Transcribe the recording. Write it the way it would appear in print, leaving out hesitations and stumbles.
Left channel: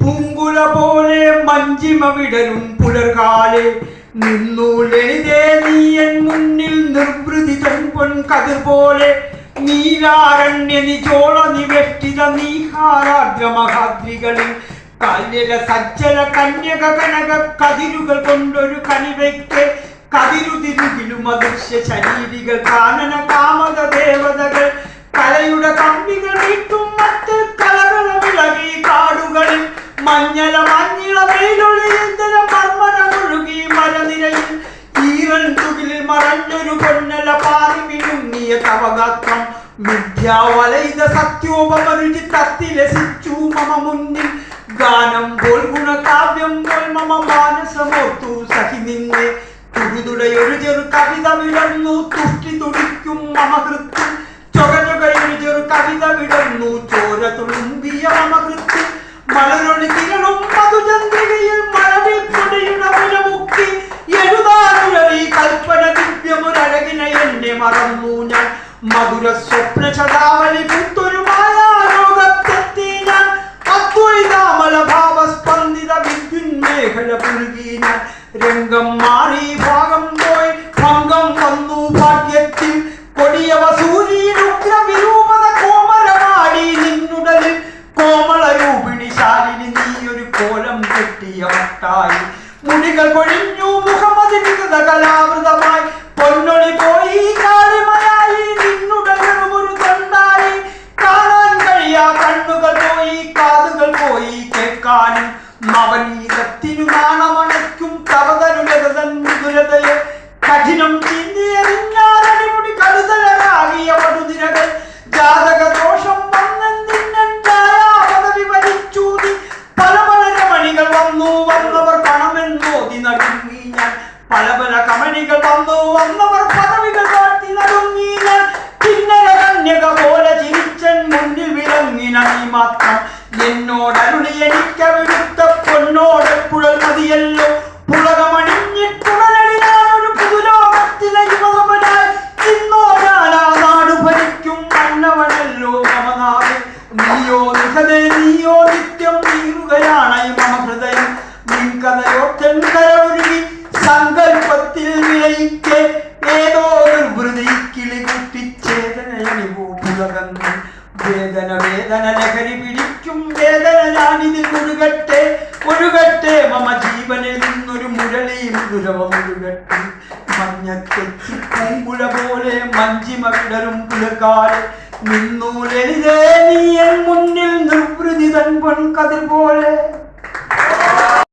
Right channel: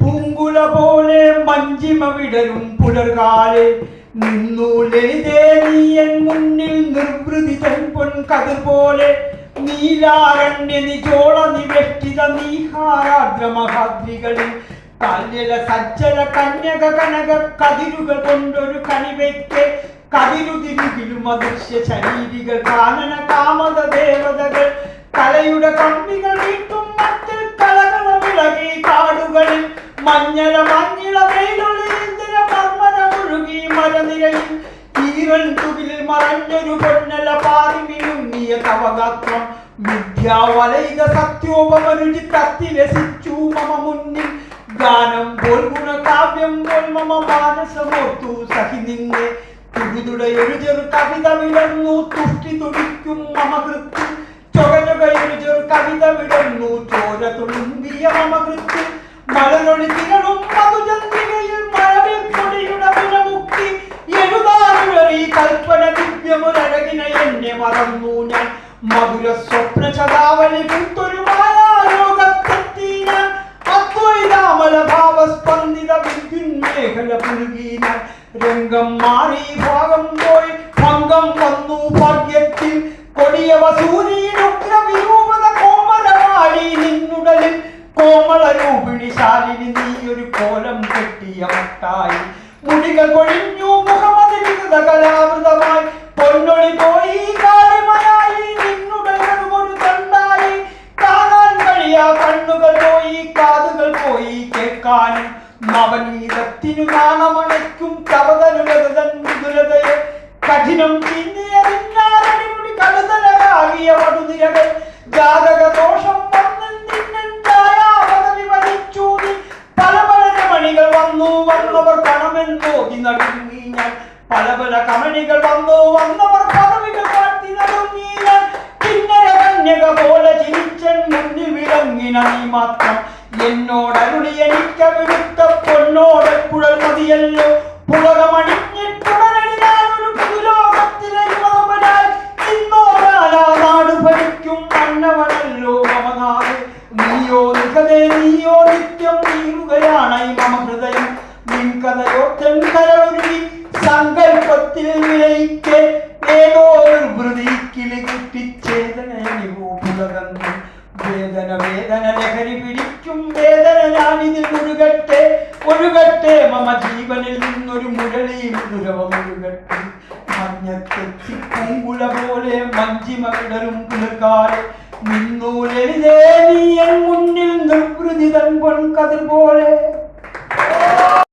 പൂങ്കുല പോലെ മഞ്ചിമ വിടരും പുലർകാലെ നിന്നു ലളിതേ നീയൻ മുന്നിൽ നിർവൃതി തൻപൊൻ കതിർ പോലെ നീലാരണ്യ നിജോള നിവേഷ്ടിത നീഹാരാഗ്രമഹാദ്രികളിൽ കല്ലില സജ്ജല കന്യക കനക കതിരുകൾ കൊണ്ടൊരു കണിവയ്ക്ക് കതിരുതിരുകിലും അദൃശ്യ ശരീരികൾ കാനന കാമക ദേവതകൾ കലയുടെ കമ്പികൾ വീട്ടും മറ്റൊരു കലകള വിളകി കാടുകളിൽ മഞ്ഞള മഞ്ഞിള വെയിലൊളി എന്തിന മർമ്മന മുഴുകി മരനിരയിൽ ഈരൽ തുകിലിൽ മറഞ്ഞൊരു പൊന്നല പാറി വിഴുങ്ങിയ തവഗാത്രം മിഥ്യാവലയിത സത്യോപമരുചി തത്തിലസിച്ചു മമ മുന്നിൽ ഗാനം പോൽ ഗുണകാവ്യം പോൽ മമ മാനസമോർത്തു സഖി നിന്നെ തുടുതുടയൊരു ചെറു കവിത വിടർന്നു തുഷ്ടി തുടിക്കും മമ കൃത്യം ചൊകചൊകയൊരു ചെറു കവിത വിടർന്നു ചോര തുളുമ്പിയ മമ കൃത്യം മലരൊളി തിരളും മധുചന്ദ്രികയിൽ മഴവിൽ കൊടിയുടെ മുലമുക്കി എഴുതാനുഴറി കൽപ്പന ദിവ്യമൊരഴകിന എന്നെ മറന്നു ഞാൻ മധുര സ്വപ്ന ശതാവലി പുത്തൊരു മായാലോകത്തെത്തി ഞാൻ അദ്വൈതാമല ഭാവസ്പന്ദിത വിദ്യുന്മേഖല പുൽകി ഞാൻ രംഗം മാറി ഭാഗം പോയി ഭംഗം വന്നു ഭാഗ്യത്തിൽ കൊടിയ വസൂരിയിലുഗ്ര വിരൂപത കോമരവാടി നിന്നുടലിൽ കോമള രൂപിണി ശാലിനി നീ ഒരു കോലം കെട്ടിയ മട്ടായി മുടികൾ കൊഴിഞ്ഞു മുഖമതി വികൃത കലാവൃതമായി പൊന്നൊളി പോയി കാളിമയായി നിന്നുടലും ഒരു തണ്ടായി കാണാൻ കഴിയാ കണ്ണുകൾ പോയി കാതുകൾ പോയി കേൾക്കാനും നവനീതത്തിനു നാണമണയ്ക്കും തവതരുലതൻ മൃദുലതയെ കഠിനം ചിന്നിയറിഞ്ഞാരടിമുടി കടുതലാകിയ പടുതിരകൾ ജാതക ദോഷം പല പല രമണികൾ വന്നു വന്നവർ പണമെന്നോതി നടുങ്ങി ഞാൻ പല പല കമണികൾ വന്നു വന്നവർ പദവികൾ കാട്ടി നടുങ്ങി ഞാൻ കിന്നര കന്യക പോലെ ചിരിച്ചൻ മുന്നിൽ വിളങ്ങിന നീ മാത്രം എന്നോടരുളി എനിക്കവിടുത്ത പൊന്നോടെപ്പുഴൽ മതിയല്ലോ പുളകമണിഞ്ഞിട്ടുടനടി ഞാനൊരു പുതുലോകത്തിലെ യുവമനായി ഇന്നോടാനാ നാട് ഭരിക്കും മന്നവനല്ലോ മമനാട് നീയോ നികതേ നീയോ നിത്യം നീറുകയാണായി മമ ഹൃദയം നിൻ കഥയോ തെൻകരൊരുങ്ങി സങ്കൽപ്പത്തിൽ വിളയിക്കെ ഏതോ നിർവൃതി കിളി കുത്തിച്ചേതനോ പുലകന്ന് വേദന വേദന ലഹരി പിടിക്കും വേദന ഞാനിതിൽ ഒഴുകട്ടെ ഒഴുകട്ടെ മമ ജീവനിൽ നിന്നൊരു മുരളി മധുരമൊഴുകട്ടെ മഞ്ഞത്തെത്തി പൂങ്കുല പോലെ മഞ്ചിമ വിടരും പുലർക്കാലെ നിന്നു ലളിതേ നീ എൻ മുന്നിൽ നിർവൃതി തൻ പൊൻകതിർ പോലെ.